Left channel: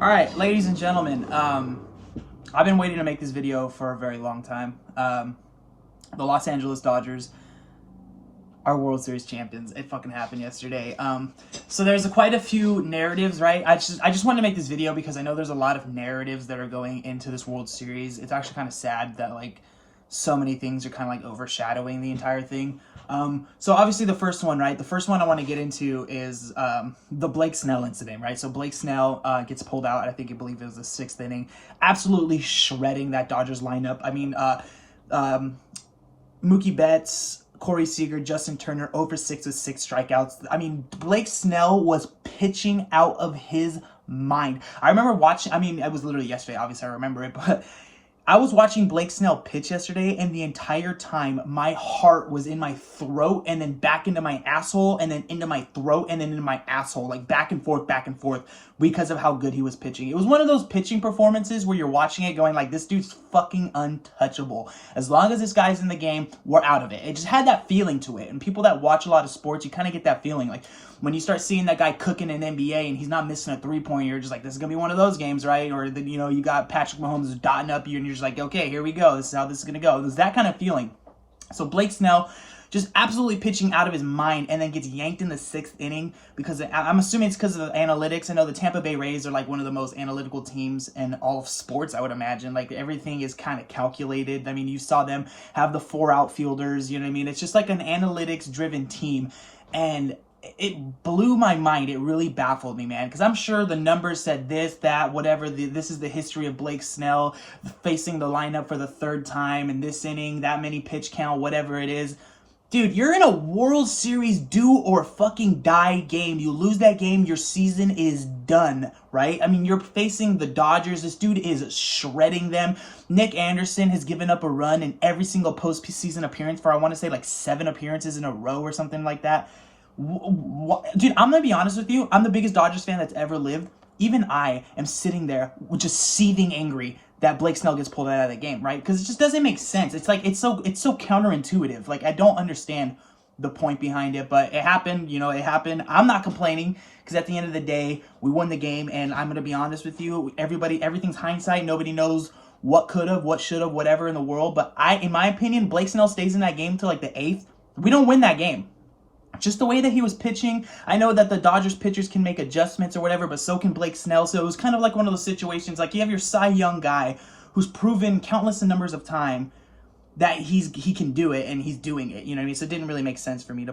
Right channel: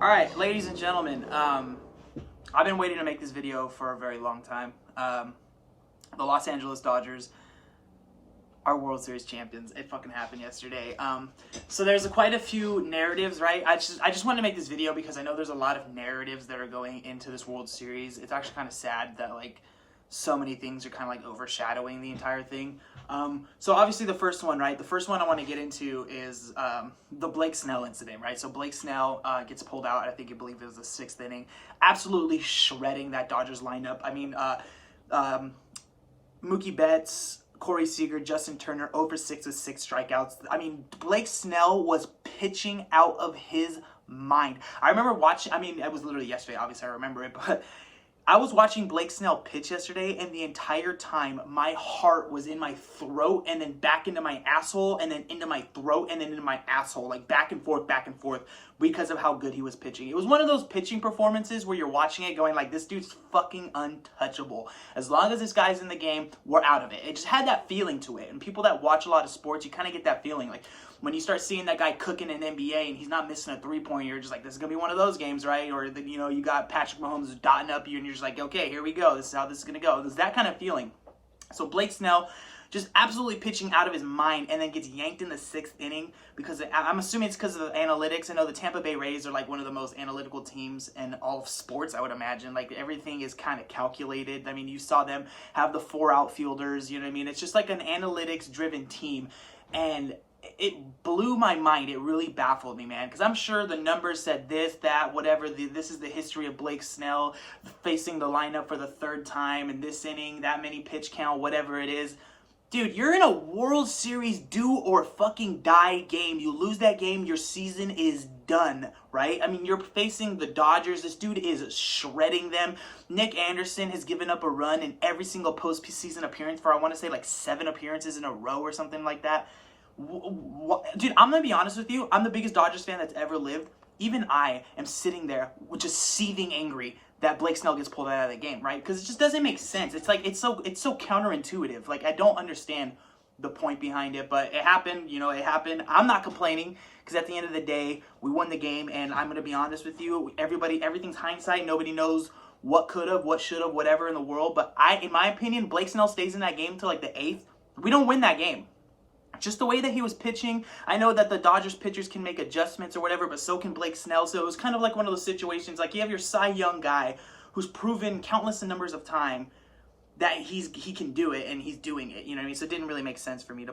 All right, ladies and gentlemen, I've been waiting to make this video for a very long time. The Los Angeles Dodgers are World Series champions. It fucking happened yesterday. So there's quite a few narratives, right? I just wanted to make this video because I know there's a lot of narratives that are going into this World Series. It's actually kind of sad that like so many things are kind of like overshadowing the entire thing. So obviously the first one, right? The first one I want to get into is the Blake Snell incident, right? So Blake Snell gets pulled out. I believe it was the 6th inning, absolutely shredding that Dodgers lineup. I mean, Mookie Betts, Corey Seager, Justin Turner, 0 for 6 with 6 strikeouts. I mean, Blake Snell was pitching out of his mind. I remember watching, I mean, it was literally yesterday, obviously I remember it, but I was watching Blake Snell pitch yesterday, and the entire time, my heart was in my throat, and then back into my asshole, and then into my throat, and then into my asshole, like back and forth, because of how good he was pitching. It was one of those pitching performances where you're watching it going like, this dude's fucking untouchable. As long as this guy's in the game, we're out of it. It just had that feeling to it, and people that watch a lot of sports, you kind of get that feeling. Like, when you start seeing that guy cooking in NBA and he's not missing a three-pointer, you're just like, this is going to be one of those games, right? Or, you know, you got Patrick Mahomes dotting up you and you're just like, okay, here we go. This is how this is going to go. There's that kind of feeling. So Blake Snell just absolutely pitching out of his mind and then gets yanked in the 6th inning because I'm assuming it's because of the analytics. I know the Tampa Bay Rays are like one of the most analytical teams in all of sports, I would imagine. Like everything is kind of calculated. I mean, you saw them have the 4 outfielders, you know what I mean? It's just like an analytics-driven team. And it blew my mind. It really baffled me, man, because I'm sure the numbers said this, that, whatever. This is the history of Blake Snell facing the lineup for the 3rd time in this inning, that many pitch count, whatever it is. Dude, you're in a World Series do or fucking die game. You lose that game, your season is done, right? I mean, you're facing the Dodgers. This dude is shredding them. Nick Anderson has given up a run in every single postseason appearance for, I want to say, like 7 appearances in a row or something like that. Dude, I'm going to be honest with you. I'm the biggest Dodgers fan that's ever lived. Even I am sitting there with just seething angry that Blake Snell gets pulled out of the game, right? Because it just doesn't make sense. It's like, it's so counterintuitive. Like, I don't understand the point behind it, but it happened. You know, it happened. I'm not complaining because at the end of the day, we won the game. And I'm going to be honest with you. Everything's hindsight. Nobody knows what could have, what should have, whatever in the world. But in my opinion, Blake Snell stays in that game till like the 8th. We don't win that game. Just the way that he was pitching. I know that the Dodgers pitchers can make adjustments or whatever, but so can Blake Snell. So it was kind of like one of those situations, like you have your Cy Young guy who's proven countless numbers of time that he can do it, and he's doing it. You know what I mean? So it didn't really make sense for me to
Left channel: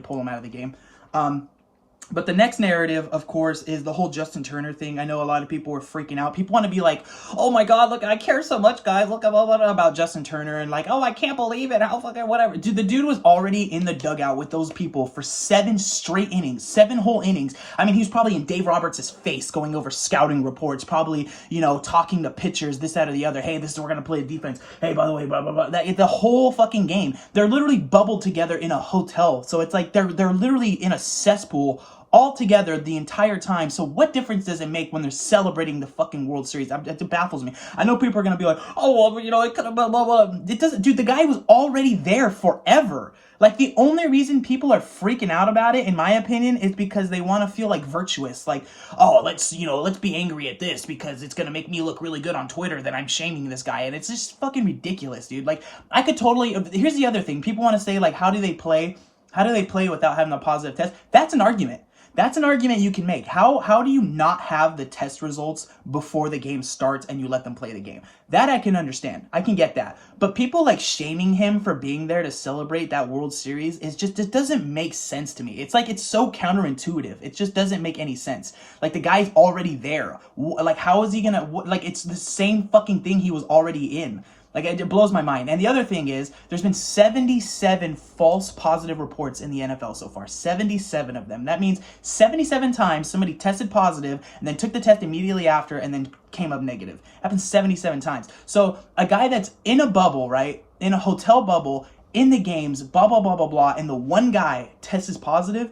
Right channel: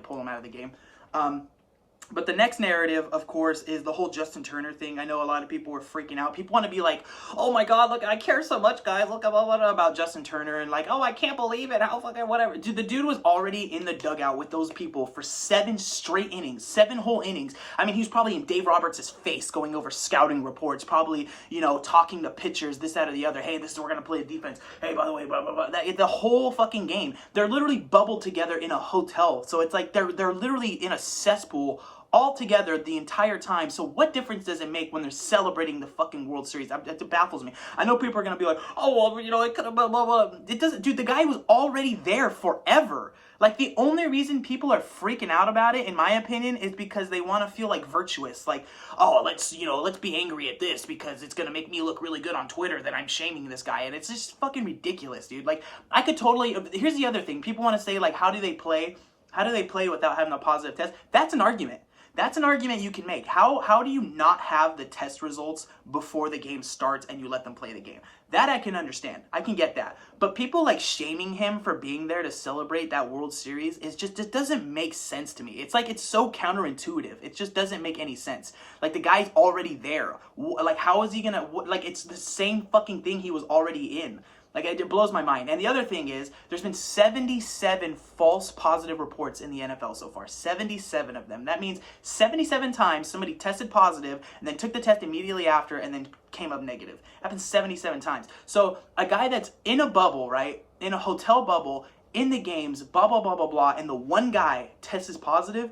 pull him out of the game. But the next narrative, of course, is the whole Justin Turner thing. I know a lot of people were freaking out. People want to be like, oh my God, look, I care so much, guys. Look about Justin Turner. And like, oh, I can't believe it. How fucking whatever. Dude, the dude was already in the dugout with those people for 7 straight innings, 7 whole innings. I mean, he was probably in Dave Roberts' face going over scouting reports, probably, you know, talking to pitchers, this, that, or the other. Hey, this is we're going to play the defense. Hey, by the way, blah, blah, blah. The whole fucking game. They're literally bubbled together in a hotel. So it's like they're literally in a cesspool all together the entire time. So what difference does it make when they're celebrating the fucking World Series? It baffles me. I know people are going to be like, oh, well, you know, it could have blah, blah, blah. It doesn't, dude, the guy was already there forever. Like, the only reason people are freaking out about it, in my opinion, is because they want to feel like virtuous. Like, oh, let's be angry at this because it's going to make me look really good on Twitter that I'm shaming this guy. And it's just fucking ridiculous, dude. Like, I could totally, here's the other thing. People want to say, like, how do they play without having a positive test? That's an argument. That's an argument you can make. How do you not have the test results before the game starts and you let them play the game? That I can understand. I can get that. But people like shaming him for being there to celebrate that World Series is just, it doesn't make sense to me. It's like, it's so counterintuitive. It just doesn't make any sense. Like, the guy's already there. Like, how is he gonna, like, it's the same fucking thing he was already in. Like, it blows my mind. And the other thing is, there's been 77 false positive reports in the NFL so far. 77 of them. That means 77 times somebody tested positive and then took the test immediately after and then came up negative. Happened 77 times. So a guy that's in a bubble, right? In a hotel bubble, in the games, blah, blah, blah, blah, blah, and the one guy tests positive.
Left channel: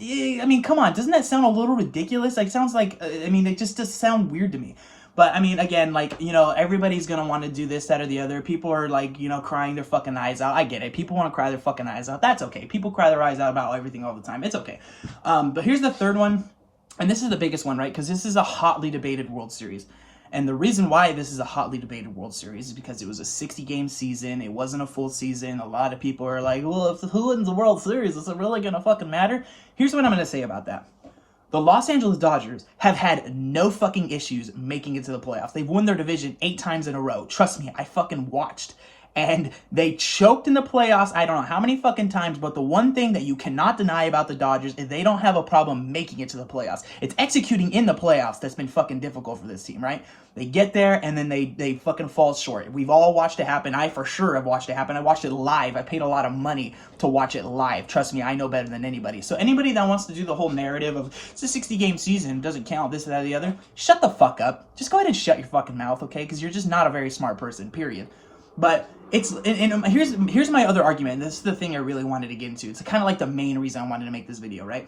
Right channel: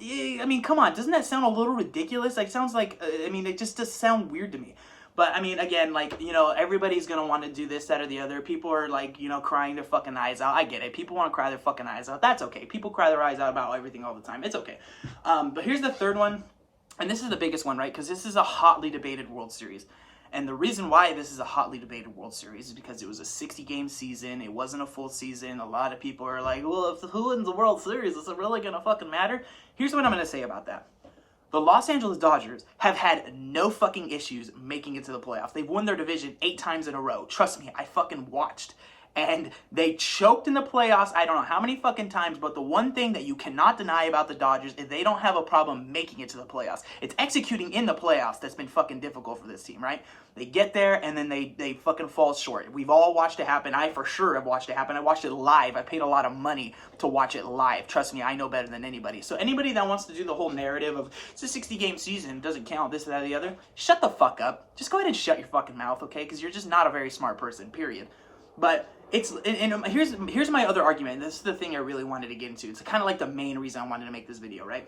I mean, come on. Doesn't that sound a little ridiculous? Like, sounds like, I mean, it just does sound weird to me. But, I mean, again, like, you know, everybody's going to want to do this, that, or the other. People are, like, you know, crying their fucking eyes out. I get it. People want to cry their fucking eyes out. That's okay. People cry their eyes out about everything all the time. It's okay. But here's the third one. And this is the biggest one, right? Because this is a hotly debated World Series. And the reason why this is a hotly debated World Series is because it was a 60-game season. It wasn't a full season. A lot of people are like, well, if who wins the World Series, is it really going to fucking matter? Here's what I'm going to say about that. The Los Angeles Dodgers have had no fucking issues making it to the playoffs. They've won their division 8 times in a row. Trust me, I fucking watched. And they choked in the playoffs, I don't know how many fucking times, but the one thing that you cannot deny about the Dodgers is they don't have a problem making it to the playoffs. It's executing in the playoffs that's been fucking difficult for this team, right? They get there, and then they fucking fall short. We've all watched it happen. I for sure have watched it happen. I watched it live. I paid a lot of money to watch it live. Trust me, I know better than anybody. So anybody that wants to do the whole narrative of it's a 60-game season, doesn't count, this, that, or the other, shut the fuck up. Just go ahead and shut your fucking mouth, okay? Because you're just not a very smart person, period. But it's, and here's my other argument. This is the thing I really wanted to get into. It's kind of like the main reason I wanted to make this video, right?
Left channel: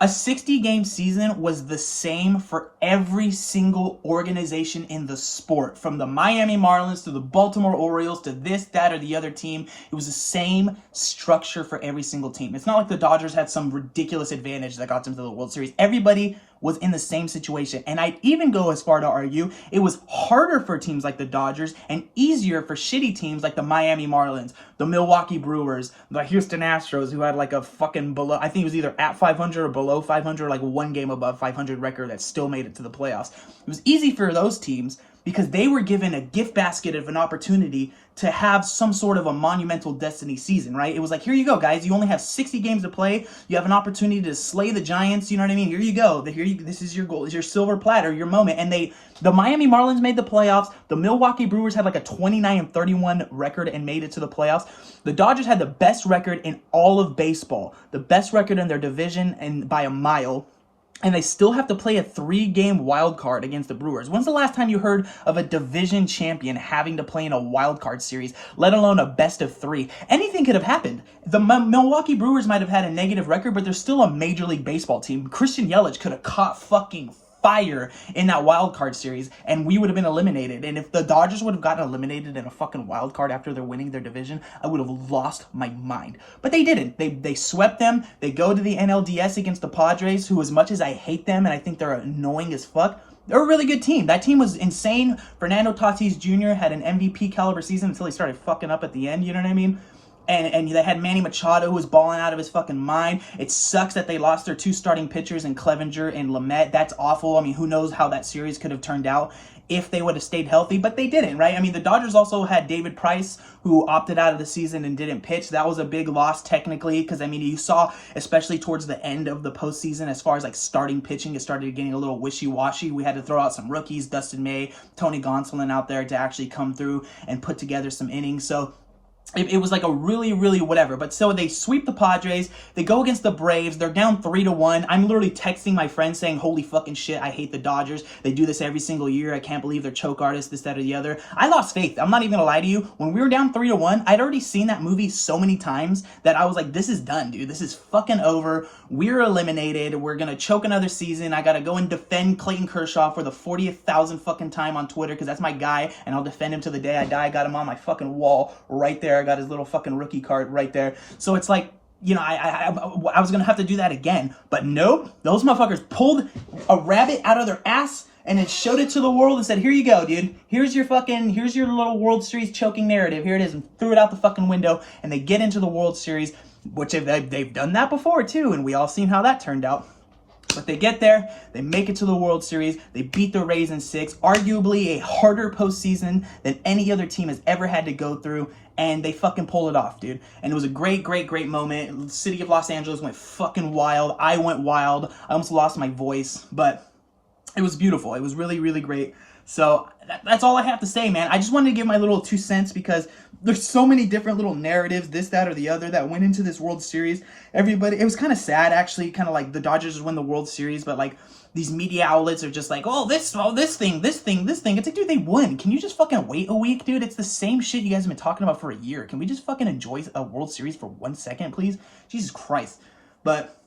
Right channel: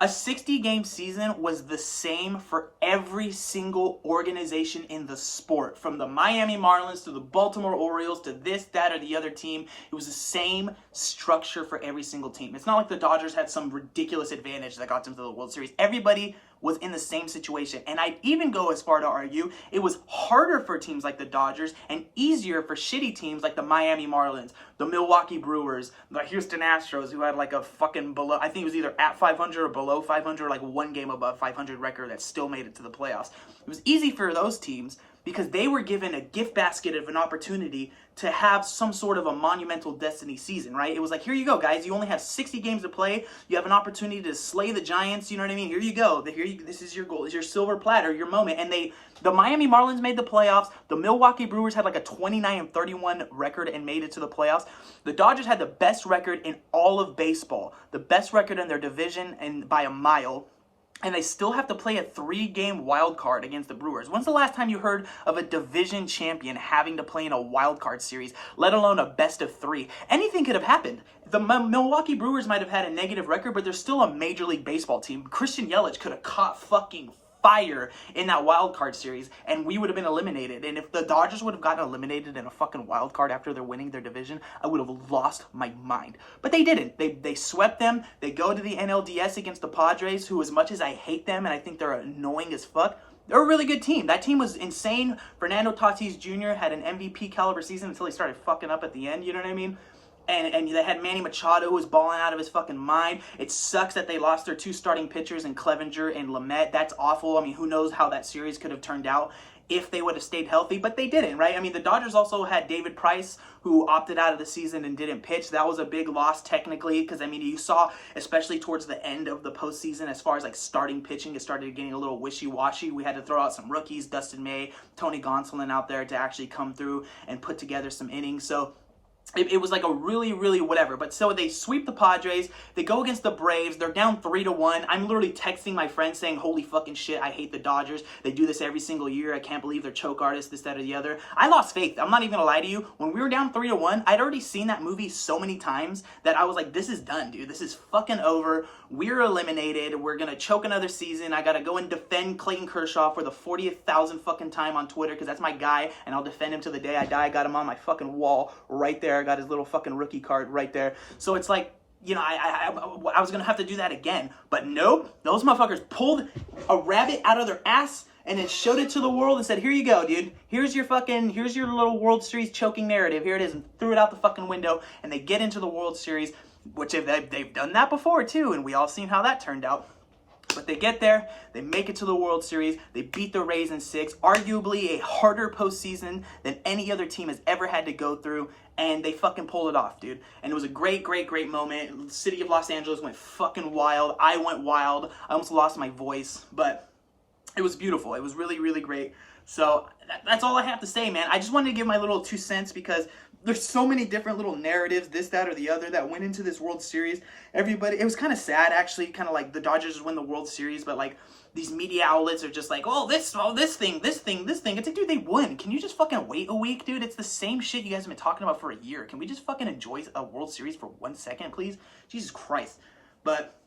A 60-game season was the same for every single organization in the sport. From the Miami Marlins to the Baltimore Orioles to this, that, or the other team. It was the same structure for every single team. It's not like the Dodgers had some ridiculous advantage that got them to the World Series. Everybody was in the same situation. And I'd even go as far to argue it was harder for teams like the Dodgers and easier for shitty teams like the Miami Marlins, the Milwaukee Brewers, the Houston Astros, who had like a fucking below, I think it was either at 500 or below 500, like one game above 500 record that still made it to the playoffs. It was easy for those teams because they were given a gift basket of an opportunity to have some sort of a monumental destiny season, right? It was like, here you go, guys. You only have 60 games to play. You have an opportunity to slay the Giants. You know what I mean? Here you go. This is your goal. It's your silver platter, your moment. And the Miami Marlins made the playoffs. The Milwaukee Brewers had like a 29-31 record and made it to the playoffs. The Dodgers had the best record in all of baseball, the best record in their division, and by a mile. And they still have to play a 3-game wild card against the Brewers. When's the last time you heard of a division champion having to play in a wild card series, let alone a best of 3? Anything could have happened. The Milwaukee Brewers might have had a negative record, but they're still a Major League Baseball team. Christian Yelich could have caught fucking fire in that wild card series, and we would have been eliminated. And if the Dodgers would have gotten eliminated in a fucking wild card after they're winning their division, I would have lost my mind. But they didn't. They swept them. They go to the NLDS against the Padres, who, as much as I hate them and I think they're annoying as fuck, they're a really good team. That team was insane. Fernando Tatis Jr. had an MVP caliber season until he started fucking up at the end, you know what I mean? And they had Manny Machado, who was balling out of his fucking mind. It sucks that they lost their 2 starting pitchers in Clevenger and Lamet. That's awful. I mean, who knows how that series could have turned out if they would have stayed healthy, but they didn't, right? I mean, the Dodgers also had David Price, who opted out of the season and didn't pitch. That was a big loss technically because, I mean, you saw, especially towards the end of the postseason, as far as like starting pitching, it started getting a little wishy-washy. We had to throw out some rookies, Dustin May, Tony Gonsolin out there to actually come through and put together some innings. So it was like a really, really whatever. But so they sweep the Padres. They go against the Braves. They're down 3-1. I'm literally texting my friends saying, holy fucking shit, I hate the Dodgers. They do this every single year. I can't believe they're choke artists, this, that, or the other. I lost faith. I'm not even gonna lie to you. When we were down 3-1, I'd already seen that movie so many times that I was like, this is done, dude. This is fucking over. We're eliminated. We're gonna choke another season. I gotta go and defend Clayton Kershaw for the 40,000th fucking time on Twitter because that's my guy, and I'll defend him to the day I die. I got him on my fucking wall right there. I got his little fucking rookie card right there. So it's like, you know, I was gonna have to do that again, but nope. Those motherfuckers pulled a rabbit out of their ass and then showed it to the world and said, here you go, dude. Here's your little World Series choking narrative. Here it is, and threw it out the fucking window. And they get into the World Series, which they've done that before too, and we all seen how that turned out. But they get there, they make it to the World Series, they beat the Rays in 6, arguably a harder postseason than any other team has ever had to go through, and they fucking pull it off, dude. And it was a great, great, great moment. The city of Los Angeles went fucking wild. I went wild. I almost lost my voice, but it was beautiful. It was really, really great. So that's all I have to say, man. I just wanted to give my little 2 cents because there's so many different little narratives, this, that, or the other, that went into this World Series. Everybody, it was kind of sad, actually, kind of like the Dodgers win the World Series, but like these media outlets are just like, this thing. It's like, dude, they won. Can you just fucking wait a week, dude? It's the same shit you guys have been talking about for a year. Can we just fucking enjoy a World Series for 1 second, please? Jesus Christ. But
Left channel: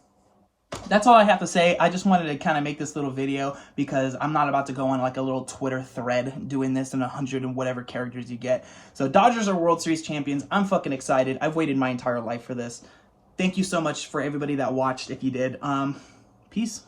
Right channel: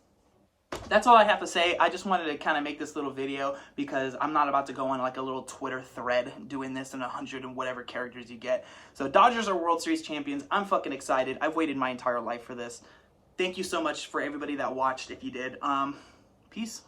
that's all I have to say. I just wanted to kind of make this little video because I'm not about to go on like a little Twitter thread doing this in 100 and whatever characters you get. So Dodgers are World Series champions. I'm fucking excited. I've waited my entire life for this. Thank you so much for everybody that watched if you did. Peace.